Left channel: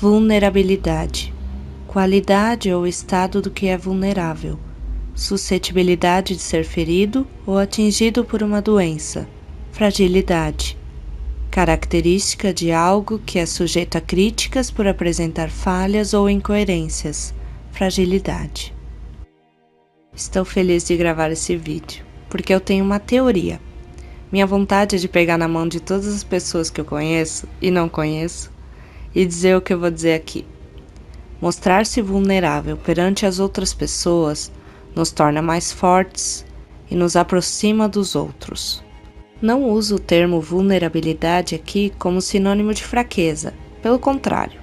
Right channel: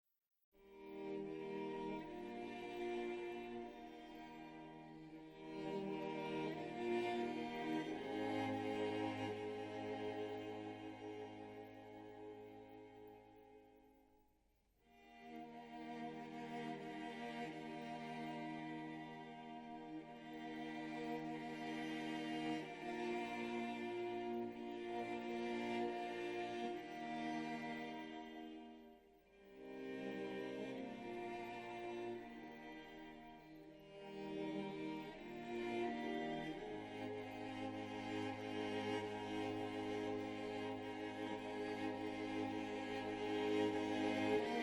Vulnerabilidade. Qualidade ou estado do que é vulnerável. Suscetibilidade de ser ferido ou atingido por uma doença. Fragilidade. Característica de algo que é sujeito a críticas por apresentar falhas ou incoerências. Fragilidade. Estou feliz de gravar esse vídeo, porque eu tenho uma teoria. Minha vontade é de pegar na mão de todas as pessoas que eu conheço e não conheço e dizer o que eu vou dizer aqui. Mostrar-se vulnerável perante as outras pessoas nos torna mais fortes e nos aproxima dos outros. Não uso o termo vulnerabilidade aqui como sinônimo de fraqueza, pelo contrário.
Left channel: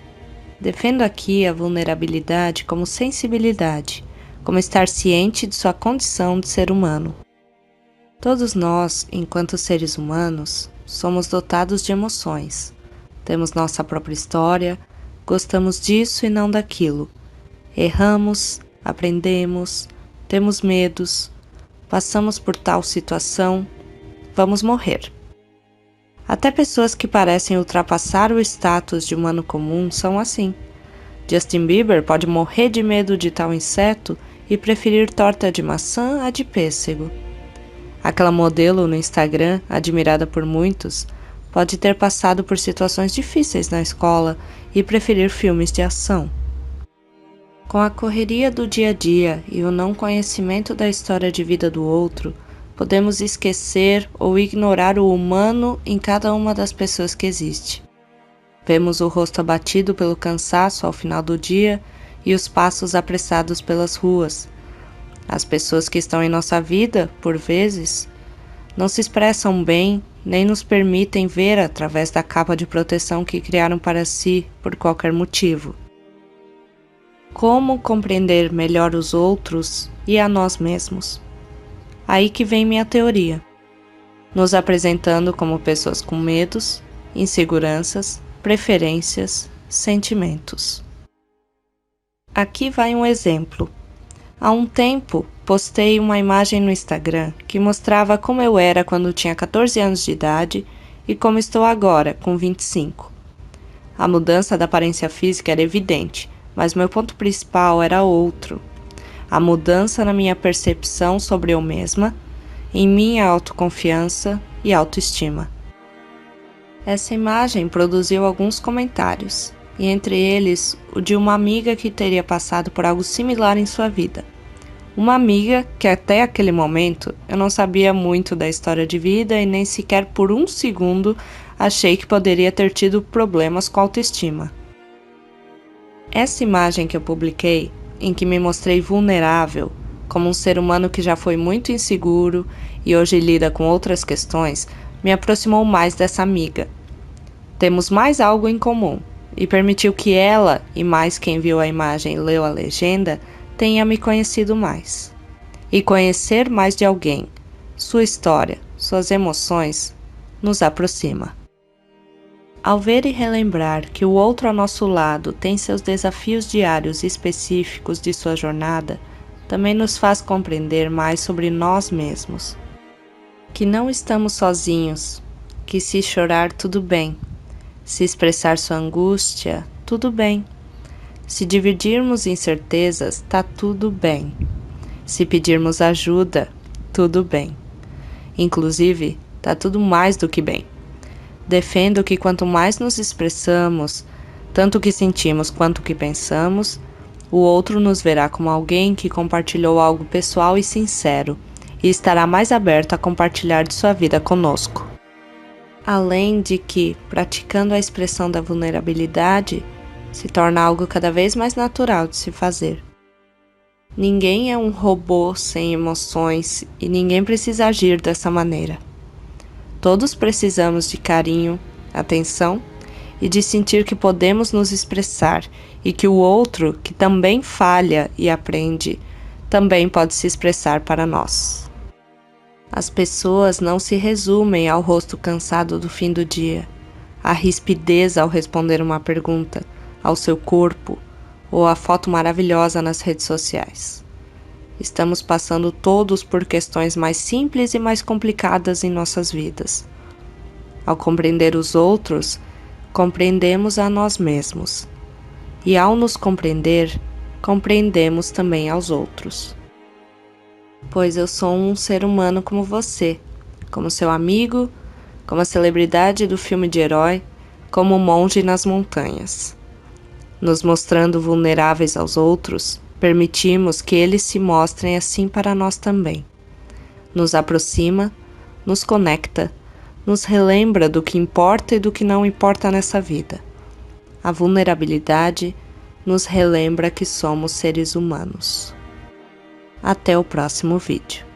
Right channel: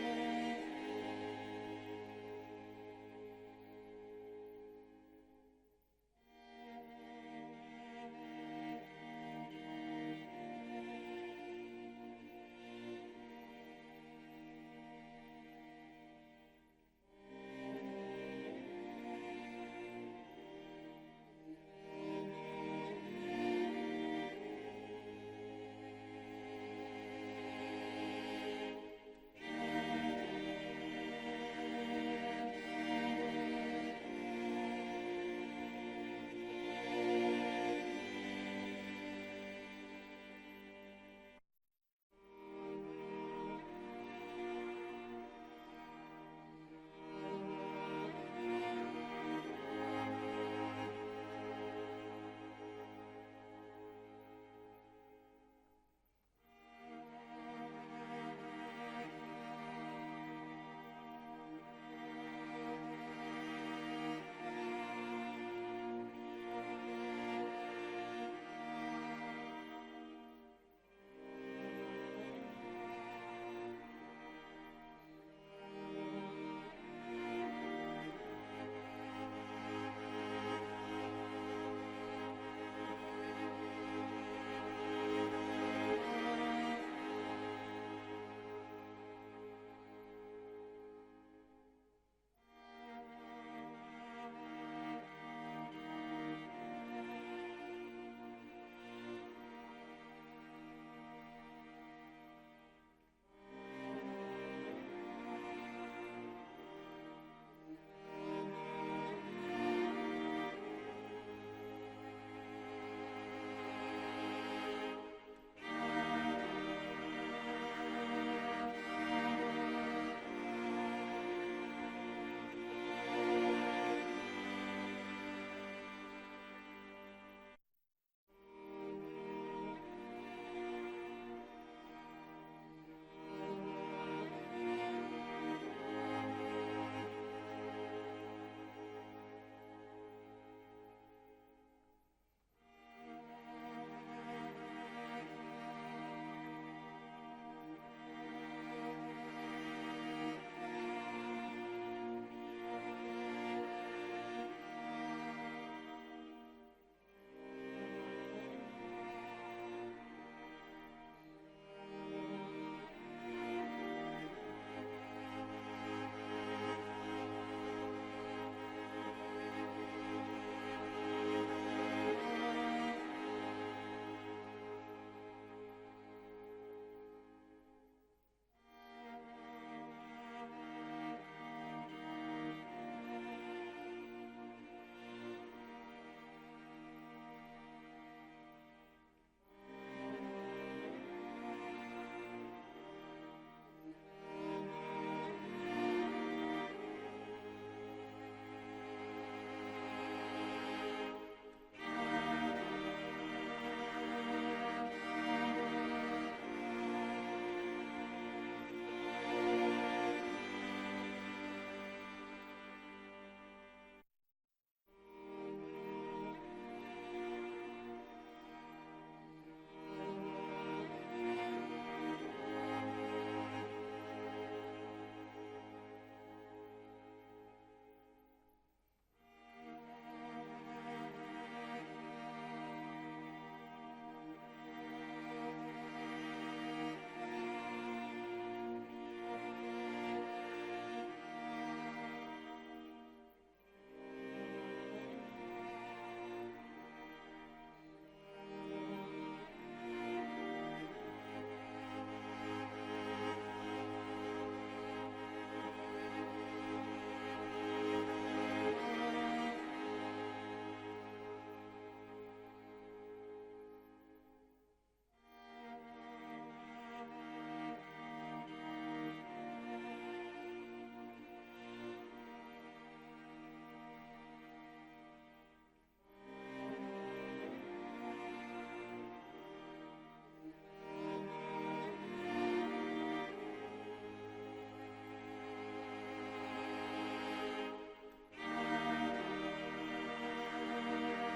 Defendo aqui a vulnerabilidade como sensibilidade, como estar ciente de sua condição de ser humano. Todos nós, enquanto seres humanos, somos dotados de emoções. Temos nossa própria história, gostamos disso e não daquilo. Erramos, aprendemos, temos medos, passamos por tal situação, vamos morrer. Até pessoas que parecem ultrapassar o status de humano comum são assim. Justin Bieber pode morrer de medo de tal inseto e preferir torta de maçã à de pêssego. Aquela modelo no Instagram, admirada por muitos, pode ter passado por situações difíceis na escola e preferir filmes de ação. Com a correria do dia a dia e o não conhecimento da história de vida do outro, podemos esquecer ou ignorar o humano em cada uma das pessoas que existe. Vemos o rosto abatido pelo cansaço ao final do dia e os passos apressados pelas ruas. As pessoas que estão em nossa vida, por vezes, não se expressam bem nem nos permitem ver através da capa de proteção que criaram para si por qualquer motivo. Como compreender melhor os outros e a nós mesmos? Aí que vem minha teoria, nos apresentando como pessoas com medos, inseguranças, preferências, sentimentos. Aqui vai um exemplo. Há um tempo, postei uma imagem no Instagram que mostrava como eu era quando tinha 14 anos de idade e como estou agora, com 25. A mudança da aparência física era evidente, mas meu ponto principal era outro. A mudança na minha percepção sobre eu mesma, em minha autoconfiança e autoestima. Essa imagem produziu alguns comentários, e entre eles o de uma amiga que teria passado por algo similar em sua vida. Uma amiga que até aquele momento eu não sabia muito da história de vida e nem sequer por um segundo achei que poderia ter tido problemas com a autoestima. Essa imagem que eu publiquei, em que me mostrei vulnerável, como um ser humano que já foi muito inseguro e hoje lida com outras questões, me aproximou mais dessa amiga. Temos mais algo em comum e permitiu que ela, e mais quem viu a imagem e leu a legenda, tenha me conhecido mais. E conhecer mais de alguém, sua história, suas emoções, nos aproxima. Ao ver e relembrar que o outro ao nosso lado tem seus desafios diários específicos de sua jornada, também nos faz compreender mais sobre nós mesmos. Que não estamos sozinhos, que se chorar tudo bem, se expressar sua angústia, tudo bem. Se dividirmos incertezas, tá tudo bem. Se pedirmos ajuda, tudo bem. Inclusive, tá tudo mais do que bem. Defendo que quanto mais nos expressamos, tanto o que sentimos quanto o que pensamos, o outro nos verá como alguém que compartilhou algo pessoal e sincero e estará mais aberto a compartilhar de sua vida conosco. Além de que, praticando a expressão da vulnerabilidade, se torna algo cada vez mais natural de se fazer. Ninguém é um robô sem emoções e ninguém precisa agir dessa maneira. Todos precisamos de carinho, atenção e de sentir que podemos nos expressar e que o outro, que também falha e aprende, também pode se expressar para nós. As pessoas não se resumem ao rosto cansado do fim do dia, à rispidez ao responder uma pergunta, ao seu corpo ou à foto maravilhosa nas redes sociais. Estamos passando todos por questões mais simples e mais complicadas em nossas vidas. Ao compreender os outros, compreendemos a nós mesmos. E ao nos compreender, compreendemos também aos outros. Pois eu sou um ser humano como você, como seu amigo, como a celebridade do filme de herói, como o monge nas montanhas. Nos mostrando vulneráveis aos outros, permitimos que eles se mostrem assim para nós também. Nos aproxima, nos conecta, nos relembra do que importa e do que não importa nessa vida. A vulnerabilidade nos relembra que somos seres humanos. Até o próximo vídeo.